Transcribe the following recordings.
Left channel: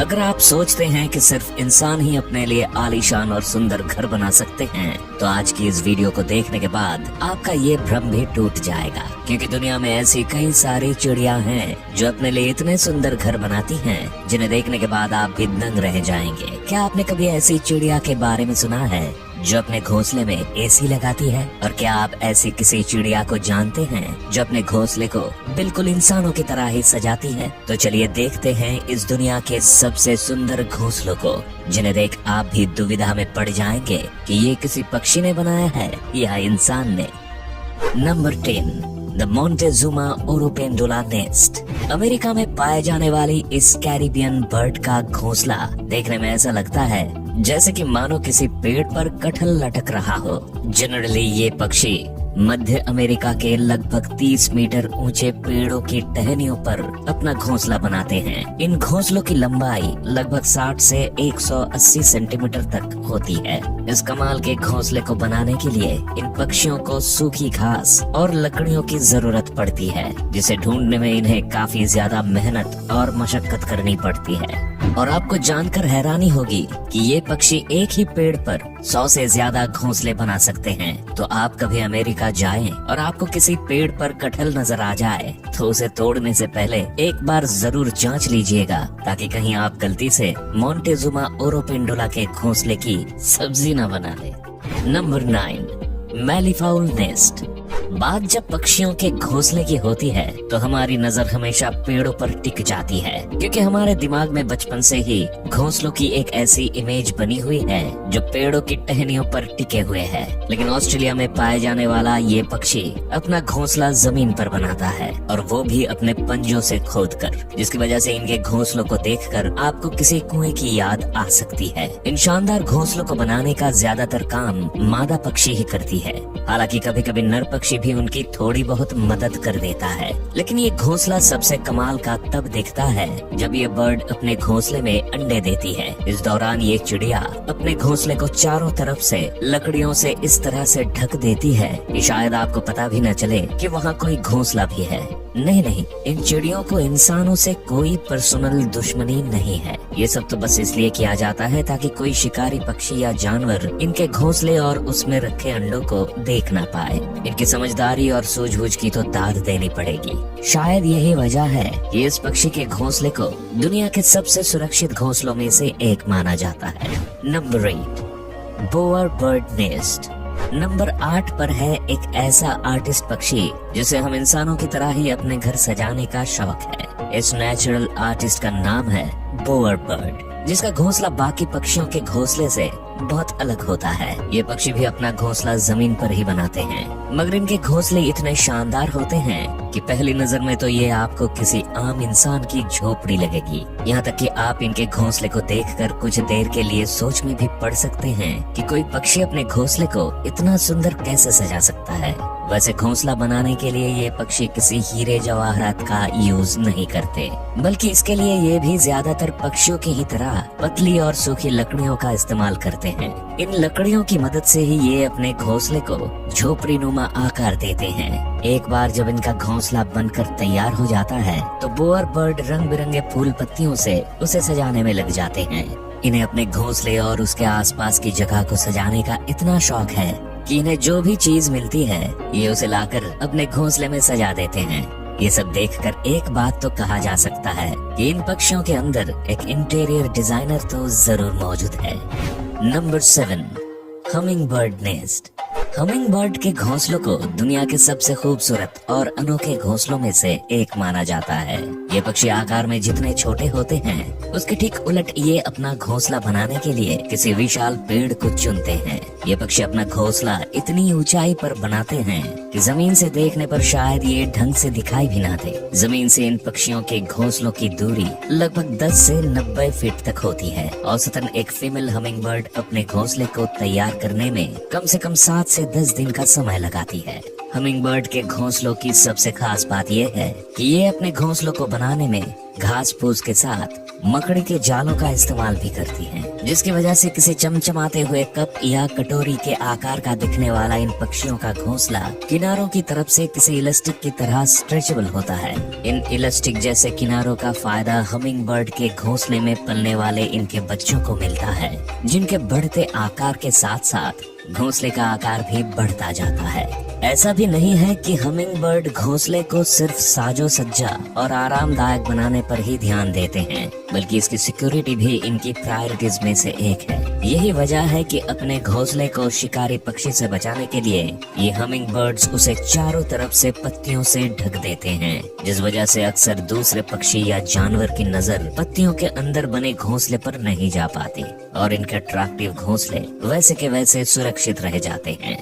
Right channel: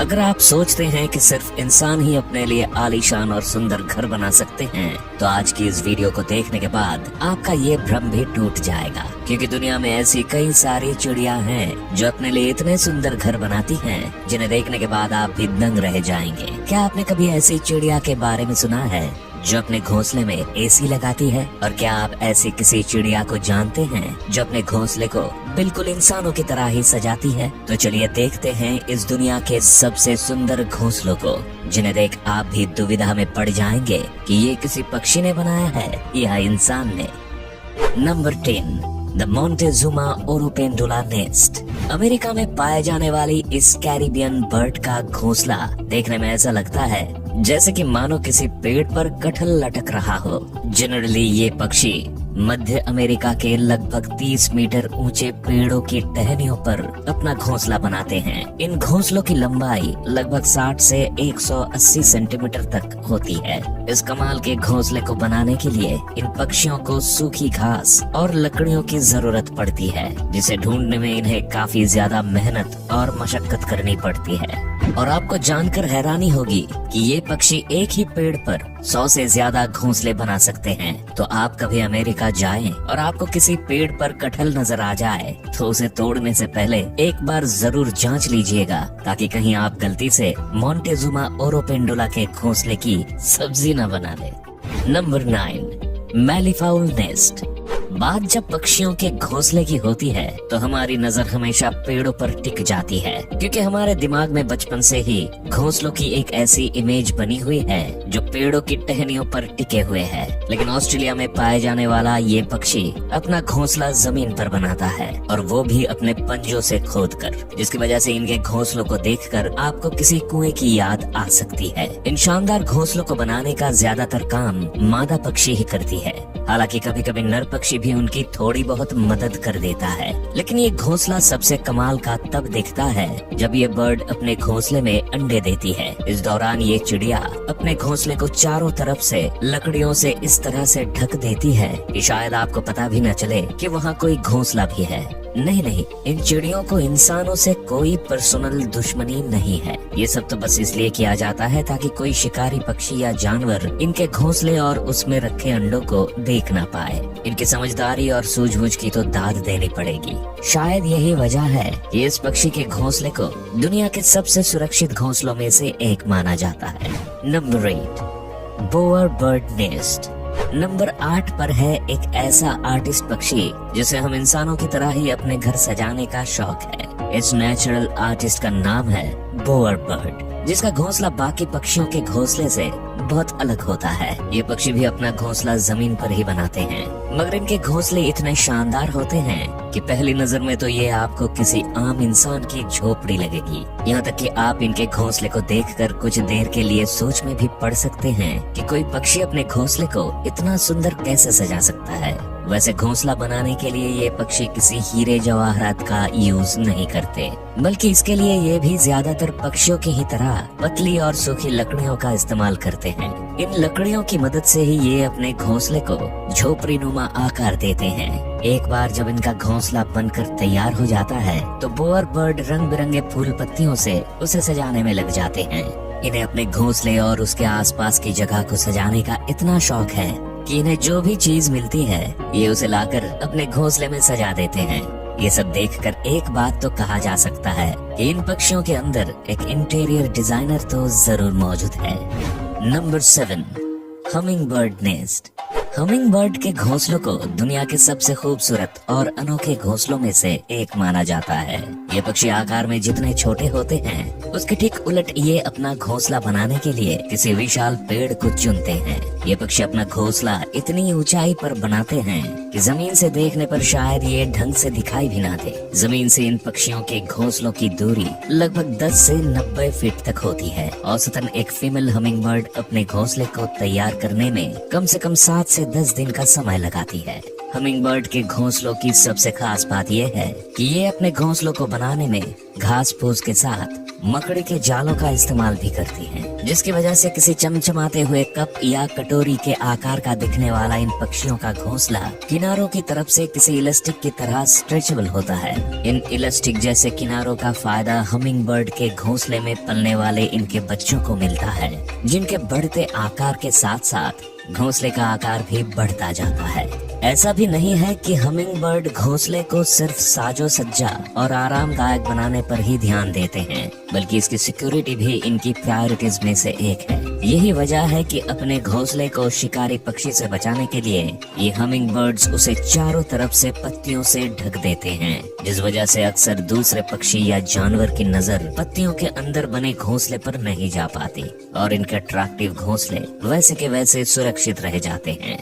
अगर आप सोचते हैं कि सिर्फ इंसान ही अपने लिए आलीशान और सुंदर घर बना सकते हैं, तो आज की इस वीडियो को देखने के बाद आपका ये भ्रम भी टूट जाएगा, क्योंकि दुनिया में ऐसी कई सारी चिड़िया हैं जो अपने लिए इतने सुंदर घर बनाती हैं, जिन्हें देखने के बाद आप भी दंग रह जाएंगे। क्या आपने कभी ऐसी चिड़िया के बारे में सुना है जो अपने घोंसले में एसी लगाती है? और क्या आप ऐसी किसी चिड़िया को जानते हैं जो अपने घोंसले को बिल्कुल इंसानों की तरह ही सजाती है? तो चलिए देखते हैं इस दुनिया के सबसे सुंदर घोंसलों को, जिन्हें देख आप भी दुविधा में पड़ जाएंगे कि ये किसी पक्षी ने बनाया है या इंसान ने। Number 10, the Montezuma oropendola nest. America में पाए जाने वाली इस कैरिबियन बर्ड का घोंसला देखने में ऐसा लगता है जैसे कि मानो किसी पेड़ पर कटहल लटक रहा हो। जनरली ये पक्षी मध्य अमेरिका के लगभग 30 मीटर ऊंचे पेड़ों की टहनियों पर अपना घोंसला बनाते हैं। इन घोंसलों की लंबाई लगभग 60 से 180 सेंटीमीटर तक होती है। इस कमाल के घोंसले को बनाने के लिए इन पक्षियों को सूखी घास और लकड़ियों की जरूरत पड़ती है, जिसे ढूंढने में इन्हें काफी ज्यादा मेहनत और मशक्कत करनी पड़ती है। और आपको जानकर हैरानी होगी कि ये पक्षी एक ही पेड़ पर 100 से ज्यादा घोंसले बना सकते हैं। तो आप कभी अमेरिका जाएं और आपको किसी पेड़ पर कटहल नजर आ जाए, तो उसे तोड़ने से पहले एक बार जरूर जांच लीजिएगा, ताकि कहीं आप गलती से मोंटेजुमा ओरोपेंडुला के घोंसले की सब्जी न बना ले। Number 9, malleefowl nest. बात जब पक्षियों के घोंसले की होती है तो हमारी नजर हमेशा पेड़ों पर टिक जाती है, क्योंकि हमारे दिमाग में बचपन से ही घोंसलों की एक ऐसी इमेज बनी हुई है जो पेड़ों की टहनियों पर टिके हुए हैं। लेकिन ऑस्ट्रेलिया में पाए जाने वाला ये पक्षी अपना घोंसला जमीन पर बनाता है, और वो भी अपने पंजों से खोदकर, जिसकी वजह से इनके घोंसलों को देखकर आपको किसी कुएं की याद आ सकती है। इन शानदार घोंसलों को बनाने का ज्यादातर काम मादा पक्षी ही करती है। हालांकि कभी कभी नर पक्षी भी उनकी थोड़ी बहुत मदद कर देता है। लेकिन ये घोंसला सबसे कमाल का तब दिखता है जब ये बर्ड अपने घोंसले में अंडे देती है। इस दौरान ये चिड़िया अपने घोंसले को चारों तरफ से लकड़ियों से इस तरह से ढक देती है कि शायद आपको पता भी न चले कि वहाँ कोई घोंसला भी है। नहीं, इन चिड़ियों को इंसानों से कोई पर्सनल दुश्मनी नहीं है। ये सब तो बस इसलिए किया जाता है ताकि कोई शिकारी पक्षी या जानवर इनके घोंसले और उसमें रखे अंडों को देख ना पाए। इनकी समझदारी और सूझबूझ की तो दाद देनी पड़ेगी। शायद यही वजह है कि इस पक्षी के घोंसले को दुनिया के सबसे सुरक्षित घोंसलों में से एक माना जाता है। Number 8, bower bird nest. Number 8 पर है एक ऐसा आर्टिस्ट पक्षी जिसे हम इंसानों की तरह ही अपने घर सजाने का शौक है। इस नेचुरल आर्टिस्ट का नाम है बोअर बर्ड, जिसका घोंसला बाकी पक्षियों के घोंसले से बहुत अलग होता है। ये पक्षी भी अपना घोंसला जमीन पर ही बनाते हैं, मगर इनके घोंसले इतने शानदार होते हैं कि पहली नजर में तो ये आपको किसी आम इंसान की झोपड़ी लगेगी। यहाँ तक कि आप इनके घोंसले को देखकर कुछ देर के लिए सोच में भी पड़ सकते हैं कि कोई पक्षी अपने घोंसले को इतना सुंदर कैसे सजा सकता है। वैसे घोंसला बनाने के लिए ये पक्षी किसी हीरे जवाहरात का यूज नहीं करते, बल्कि इसके लिए ये भी ज्यादातर पक्षियों की ही तरह पतली और सूखी लकड़ियों का इस्तेमाल करते हैं। इन लकड़ियों की मदद से ही ये अपने घोंसले को झोपड़ी नुमा आकार देते हैं। एक बार जब इनका घोंसला बनकर तैयार हो जाता है तो बोअर बर्ड रंग बिरंगे फूल पत्तियों से उसे सजाने में लग जाते हैं। इन्हें अपने घोंसले और उसके आसपास की जगह को सजाने का इतना शौक है कि इन्हें जो भी चीज मिलती है ये उसे लाकर अपने घोंसले में सजा देते हैं। ये सब देखकर एक बात तो कहा जा सकता है कि इन पक्षियों के अंदर एक इंटीरियर डिजाइनर तो जरूर मौजूद है। Number 7, humming bird nest. Humming bird के घोंसलों को दुनिया के सबसे खूबसूरत और अनोखे घोंसलों में से एक माना जाता है। ये पक्षी आकार में जितने छोटे होते हैं उसके ठीक उलट ये अपना घोंसला बनाने के लिए किसी विशाल पेड़ को चुनते हैं। ये पक्षी अपना घोंसला इतनी ऊंचाई पर बनाते हैं कि जमीन से देखने पर शायद ये ढंग से दिखाई भी ना दे। जमीन से इन पक्षियों के घोंसलों की दूरी लगभग 10 से 90 फीट तक होती है। औसतन एक फीमेल हमिंग बर्ड अपने घोंसले को तैयार करने में कम से कम 7 से 10 दिन का समय लगाती है। हमिंगबर्ड के घोंसलों की सबसे खास बात यह है कि ये अपने घोंसलों को बनाने में घास फूस के साथ मकड़ी के जालों का इस्तेमाल भी करती हैं, जिसकी वजह से किसी चमचमाते हुए कप या कटोरी के आकार का दिखने वाला इन पक्षियों का घोंसला किनारों की तरफ से किसी इलास्टिक की तरह स्ट्रेचेबल होता है। इन इलास्टिक जैसे किनारों का फायदा हमिंगबर्ड के घोंसले में पलने वाले इनके बच्चों को मिलता है, जिनके बढ़ते आकार के साथ साथ घोंसले का आकार भी बढ़ता जाता है। ऐसा भी नहीं है कि हमिंगबर्ड घोंसले को सिर्फ साजो सज्जा और आरामदायक बनाने पर ही ध्यान देते हैं, बल्कि इसकी सिक्योरिटी भी इनकी प्रायोरिटीज में से एक है। यही वजह है कि अपने घोंसले को शिकारी पक्षी से बचाने के लिए ये हमिंगबर्ड्स उसे चारों तरफ से पत्तियों से ढक देते हैं, जिस वजह से अक्सर दूसरे पक्षी या जानवर की नजर पत्तियों के अंदर बने घोंसले पर नहीं जा पाती और इनके अट्रैक्टिव घोंसले वैसे के वैसे सुरक्षित रह जाते हैं।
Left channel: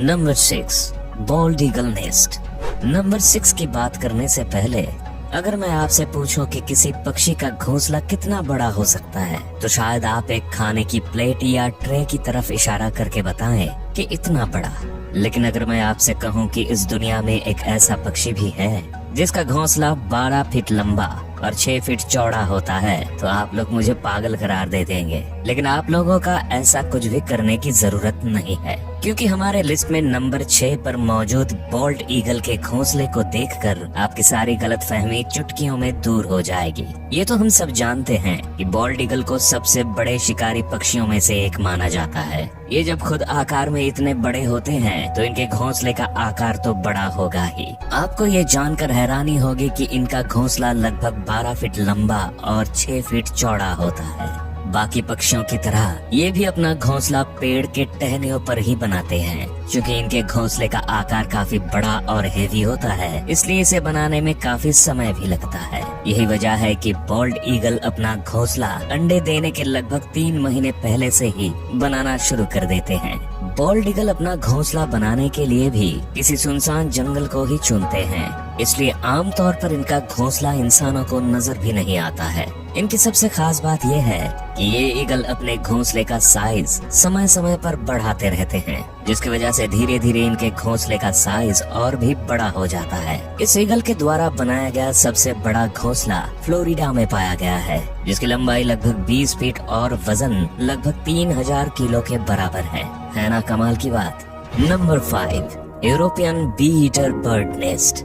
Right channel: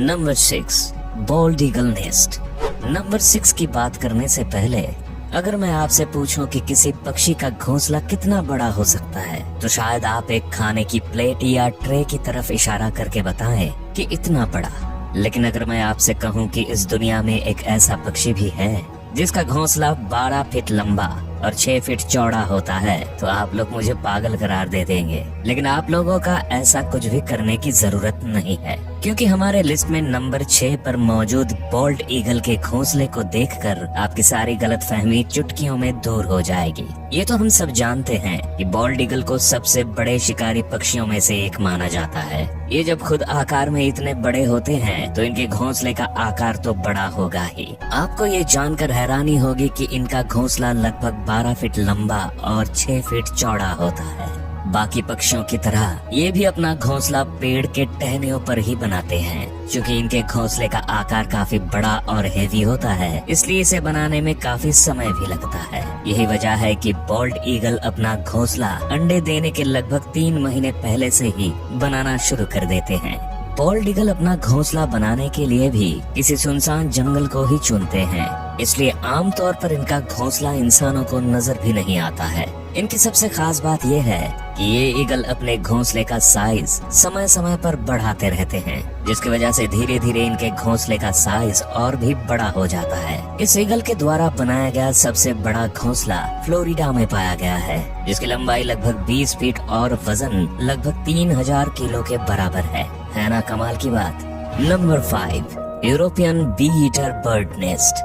Number 6, bold eagle nest. Number 6 की बात करने से पहले अगर मैं आपसे पूछूं कि किसी पक्षी का घोंसला कितना बड़ा हो सकता है, तो शायद आप एक खाने की प्लेट या ट्रे की तरफ इशारा करके बताएं कि इतना बड़ा। लेकिन अगर मैं आपसे कहूं कि इस दुनिया में एक ऐसा पक्षी भी है जिसका घोंसला 12 फीट लंबा और 6 फीट चौड़ा होता है, तो आप लोग मुझे पागल करार दे देंगे। लेकिन आप लोगों का ऐसा कुछ भी करने की जरूरत नहीं है, क्योंकि हमारे लिस्ट में नंबर 6 पर मौजूद बोल्ड ईगल के घोंसले को देखकर आपकी सारी गलतफहमी चुटकियों में दूर हो जाएगी। ये तो हम सब जानते हैं कि बोल्ड ईगल को सबसे बड़े शिकारी पक्षियों में से एक माना जाता है। ये जब खुद आकार में इतने बड़े होते हैं तो इनके घोंसले का आकार तो बड़ा होगा ही। आपको ये जानकर हैरानी होगी कि इनका घोंसला लगभग 12 फीट लंबा और 6 फीट चौड़ा होता है। बाकी पक्षियों की तरह ये भी अपना घोंसला पेड़ के टहनियों पर ही बनाते हैं। क्योंकि इनके घोंसले का आकार काफी बड़ा और हेवी होता है, इसलिए इसे बनाने में काफी समय भी लगता है। यही वजह है कि बोल्ड ईगल अपना घोंसला अंडे देने के लगभग 3 महीने पहले से ही बनाना शुरू कर देते हैं। बोल्ड ईगल अपना घोंसला बनाने के लिए भी किसी सुनसान जंगल को ही चुनते हैं, इसलिए आमतौर पर इनका घोंसला इंसानों को नजर भी नहीं आता है। इनकी सबसे खास बात यह है कि ये ईगल अपने घोंसले का साइज समय समय पर बढ़ाते रहते हैं, जिसकी वजह से धीरे धीरे इनके घोंसले का साइज और भी बड़ा हो जाता है। इस ईगल के द्वारा बनाया गया सबसे बड़ा घोंसला फ्लोरिडा में पाया गया है, जिसकी लंबाई लगभग 20 फीट और वजन लगभग 3000 किलो के बराबर है ना कमाल की बात। Number 5, European bee eater bird nest.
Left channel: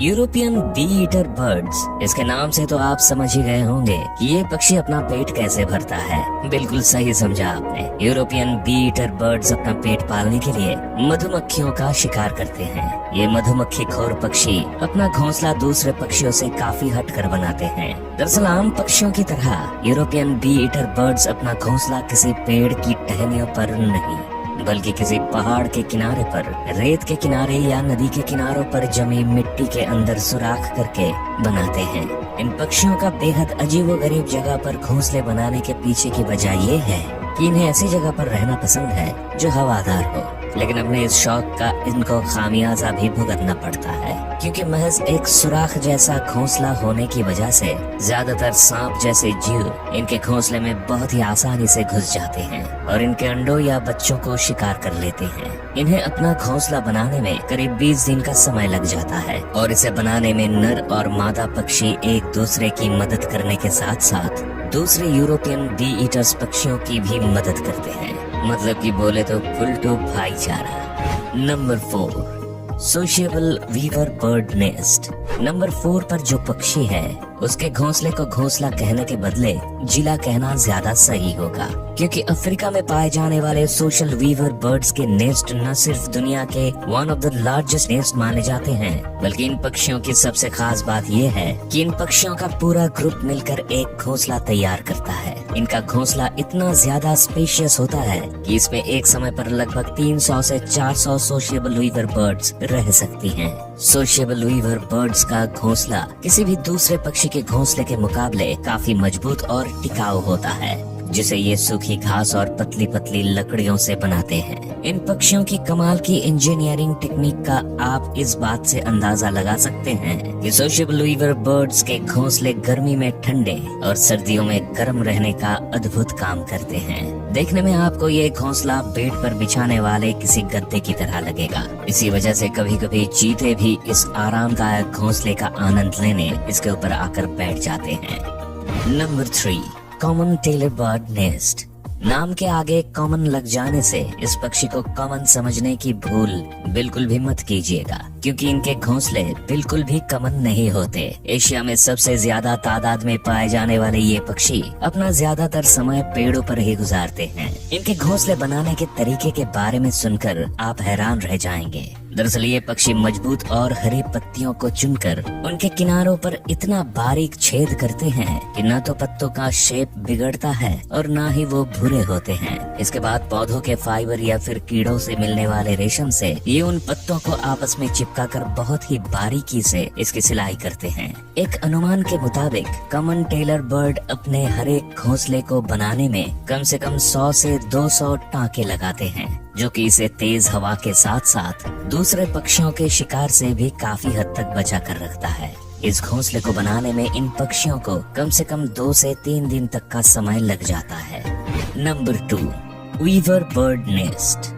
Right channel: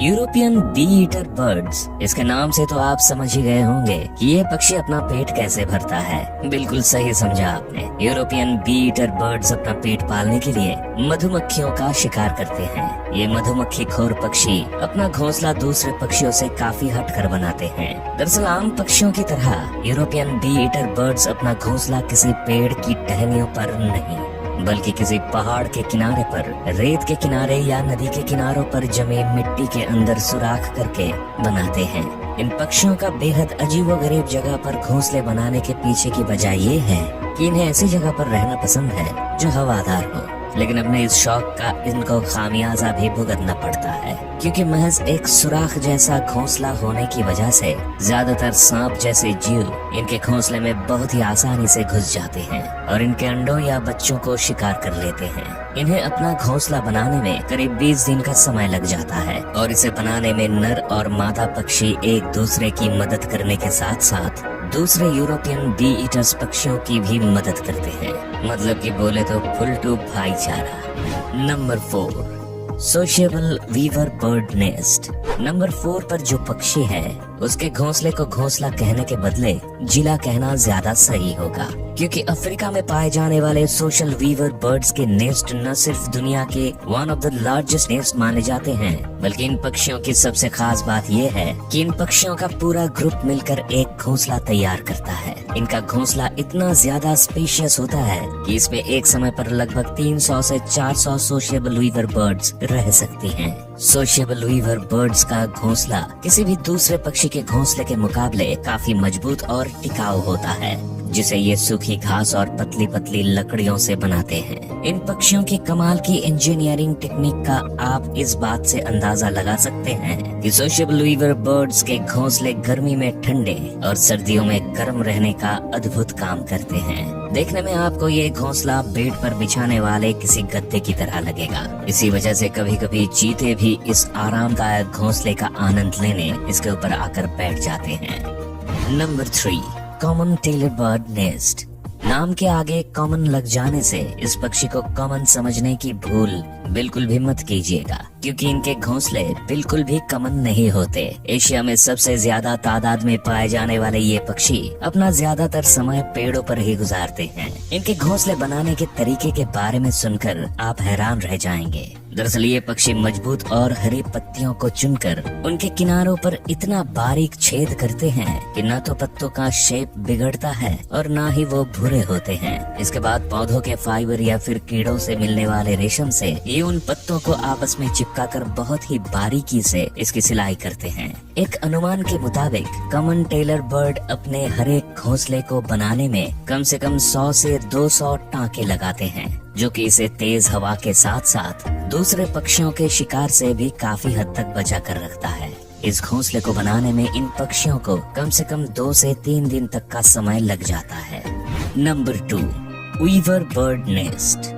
European bee eater birds, इसके नाम से तो आप समझ ही गए होंगे कि ये पक्षी अपना पेट कैसे भरता है। बिल्कुल सही समझा आपने। यूरोपियन बी ईटर बर्ड्स अपना पेट पालने के लिए मधुमक्खियों का शिकार करते हैं। ये मधुमक्खी खोर पक्षी अपना घोंसला दूसरे पक्षियों से काफी हटकर बनाते हैं। दरअसल आम पक्षियों की तरह यूरोपियन बी ईटर बर्ड्स अपना घोंसला किसी पेड़ की टहनियों पर नहीं, बल्कि किसी पहाड़ के किनारे पर, रेत के किनारे या नदी के किनारों पर जमी मिट्टी के अंदर सुराख करके बनाते हैं। इन पक्षियों का बेहद अजीबोगरीब जगह पर घोंसले बनाने के पीछे की वजह ये है कि इन्हें ऐसी जगह पर रहना पसंद है जो हवादार हो, लेकिन अपने इस शौक का इनको खामियाजा भी भुगतना पड़ता है, क्योंकि महज एक सुराख जैसा घोंसला होने की वजह से ज्यादातर सांप जैसे जीव इनके घोंसले में बहुत ही आसानी से घुस जाते हैं और इनके अंडों या बच्चों को शिकार कर लेते हैं। इन्हें अपना घोंसला बनाने में करीब 20 दिन का समय लग जाता है और इसे बनाने में नर और मादा पक्षी एक दूसरे की मदद करने के साथ साथ दूसरे यूरोपियन बी ईटर्स पक्षियों की भी मदद करते हैं। मतलब कि बोले तो फुल टू भाईचारा। Number 4, sociable weaver bird nest. Number 4 पर जो पक्षी है उसके घोंसले को घोंसला कहने के बदले जिला कहना ज्यादा सही होगा, क्योंकि अफ्रीका में पाए जाने वाले सोशल वीवर बर्ड्स के नेस्ट न सिर्फ दुनिया के one of the largest nest माने जाते हैं, बल्कि इन पक्षियों की सबसे खास बात यह है कि इन पक्षियों का पूरा ग्रुप मिलकर एक घोंसला तैयार करता है। इनका घोंसला इतना ज्यादा स्पेशियस होता है कि इसमें एक समय पर लगभग 300 से 400 सोशिएबल वीवर बर्ड्स रह सकती हैं। सोशिएबल वीवर बर्ड्स का घोंसला किसी भी दूसरे पक्षी के घोंसले के मुकाबले काफी मजबूत और टिकाऊ होता है, जिसे ये सूखी घास और पतली पतली लकड़ियों से बनाते हैं। इन पक्षियों की कमाल की इंजीनियरिंग टेक्निक का आप इस बात से अंदाजा लगा सकते हैं कि सोशेबल वीवर बर्ड्स के घोंसले गर्मी में ठंडे और सर्दियों में गर्म रहने का अद्भुत काम करते हैं। देखने में आपको ये घोंसला बेड पर बिछाने वाले किसी गद्दे की तरह लगेगा। इसी वजह से कभी कभी चीते भी इस आरामदायक घोंसले का आनंद लेने इसके ऊपर आकर बैठ जाते हैं। Number 3, common tailor bird nest. नाम के आगे कॉमन लग जाने से इस पक्षी को कॉमन समझने की भूल बिल्कुल भी मत कीजिएगा, क्योंकि इनके घोंसले बिल्कुल भी कॉमन नहीं होते। एशिया में सबसे ज्यादा तादाद में पाए जाने वाले ये पक्षी अपना ज्यादातर समय पेड़ों पर ही गुजारते हैं। इनके घोंसले बनाने के तरीके के बारे में सुनकर आप हैरान रह जाएंगे। दरअसल ये पक्षी मजबूत और हरी पत्तियों को चुनकर उनके किनारों पर इतना बारीक छेद करते हैं कि न तो पत्तों का शेप बिगड़ता है और न ही वो भूरे होते हैं। इसके बाद पौधों के फाइबर या फिर कीड़ों से मिलने वाले रेशम से ये उन पत्तों को आपस में चिपकाकर बहुत ही बारीकी से इसकी सिलाई करते हैं। एक अनुमान के मुताबिक कॉमन टेलर बर्ड अपने हर एक घोंसले को बनाने में कम से कम 100 से 200 टाँके लगाते हैं, जो कि इसे तेज हवा के साथ साथ दूसरे पक्षियों के शिकार से भी काफी हद तक बचा कर रखता है। इस घोंसले को बनाने में इन पक्षियों को कम से कम 2 से 3 दिन तक का समय लग जाता है। Number 2, weaver bird nest.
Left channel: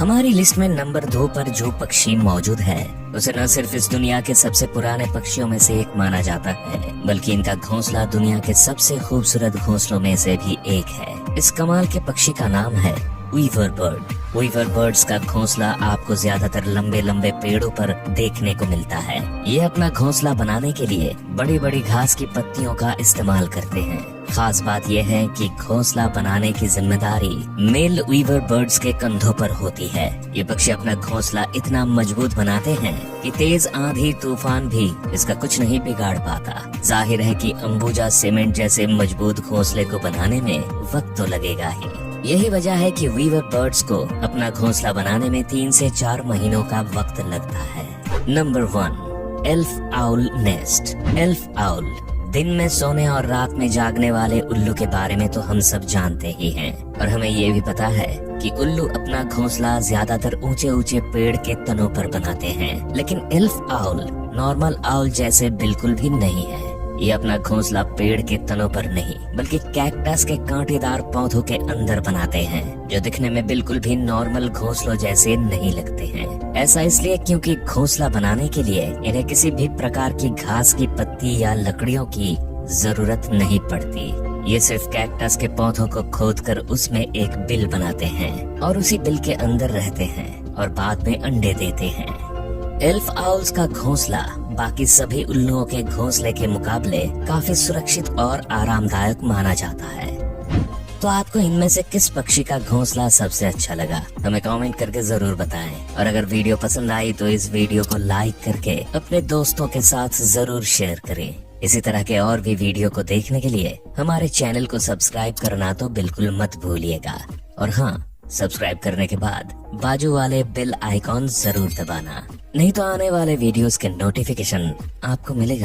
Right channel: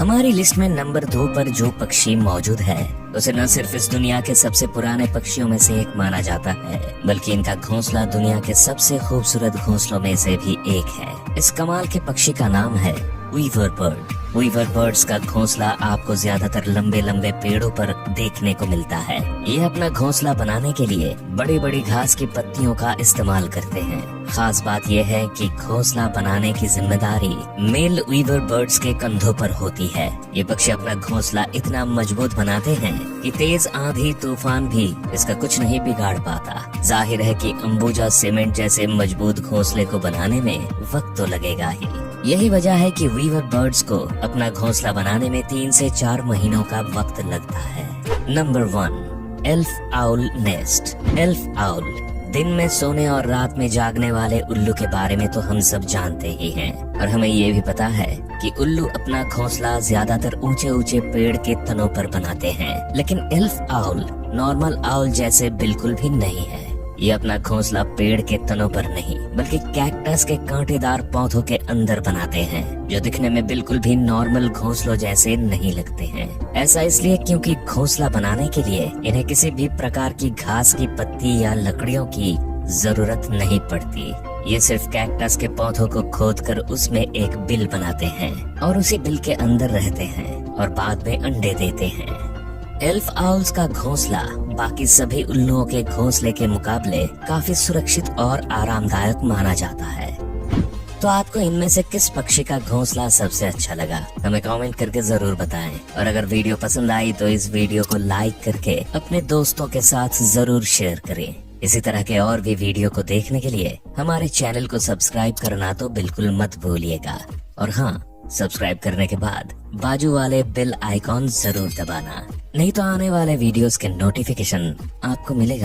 हमारी लिस्ट में नंबर 2 पर जो पक्षी मौजूद है उसे न सिर्फ इस दुनिया के सबसे पुराने पक्षियों में से एक माना जाता है, बल्कि इनका घोंसला दुनिया के सबसे खूबसूरत घोंसलों में से भी एक है। इस कमाल के पक्षी का नाम है वीवर बर्ड। वीवर बर्ड्स का घोंसला आपको ज्यादातर लंबे लंबे पेड़ों पर देखने को मिलता है। ये अपना घोंसला बनाने के लिए बड़ी बड़ी घास की पत्तियों का इस्तेमाल करते हैं। खास बात यह है कि घोंसला बनाने की जिम्मेदारी मेल वीवर बर्ड्स के कंधों पर होती है। ये पक्षी अपना घोंसला इतना मजबूत बनाते हैं कि तेज आंधी तूफान भी इसका कुछ नहीं बिगाड़ पाता। जाहिर है कि अंबुजा सीमेंट जैसे मजबूत घोंसले को बनाने में वक्त तो लगेगा ही। यही वजह है कि वीवर बर्ड्स को अपना घोंसला बनाने में 3 से 4 महीनों का वक्त लगता है। Number 1, elf owl nest. Elf owl दिन में सोने और रात में जागने वाले उल्लू के बारे में तो हम सब जानते ही हैं, और हमें ये भी पता है कि उल्लू अपना घोंसला ज्यादातर ऊंचे ऊंचे पेड़ के तनों पर बनाते हैं। लेकिन एल्फ आउल नॉर्मल आउल जैसे बिल्कुल भी नहीं है। ये अपना घोंसला पेड़ के तनों पर नहीं बल्कि कैक्टस के कांटेदार पौधों के अंदर बनाते हैं, जो दिखने में बिल्कुल भी नॉर्मल घोंसलों जैसे नहीं लगते हैं। ऐसा इसलिए क्योंकि घोंसला बनाने के लिए इन्हें किसी भी प्रकार की घास की पत्ती या लकड़ियों की जरूरत नहीं पड़ती। ये सिर्फ कैक्टस के पौधों को खोदकर उसमें एक बिल बनाते हैं और उसी बिल के अंदर रहते हैं और बाद में अंडे देते हैं। एल्फ आउल्स का घोंसला बाकी सभी उल्लुओं के घोंसले के मुकाबले काफी सुरक्षित और आरामदायक माना जाता है। तो आपको इनमें से किस पक्षी का घोंसला सबसे अच्छा लगा, हमें कमेंट करके जरूर बताएं। और अगर वीडियो पसंद आई तो इस वीडियो को लाइक करके अपने दोस्तों के साथ जरूर शेयर करें। इसी तरह के और भी वीडियो को देखने के लिए हमारे चैनल को सब्सक्राइब करना तो बिल्कुल मत भूलिएगा। और हाँ, सब्सक्राइब करने के बाद बाजू वाले बेल आइकॉन जरूर दबाना, नहीं तो आने वाले वीडियोस के नोटिफिकेशन आपको मिलेगा।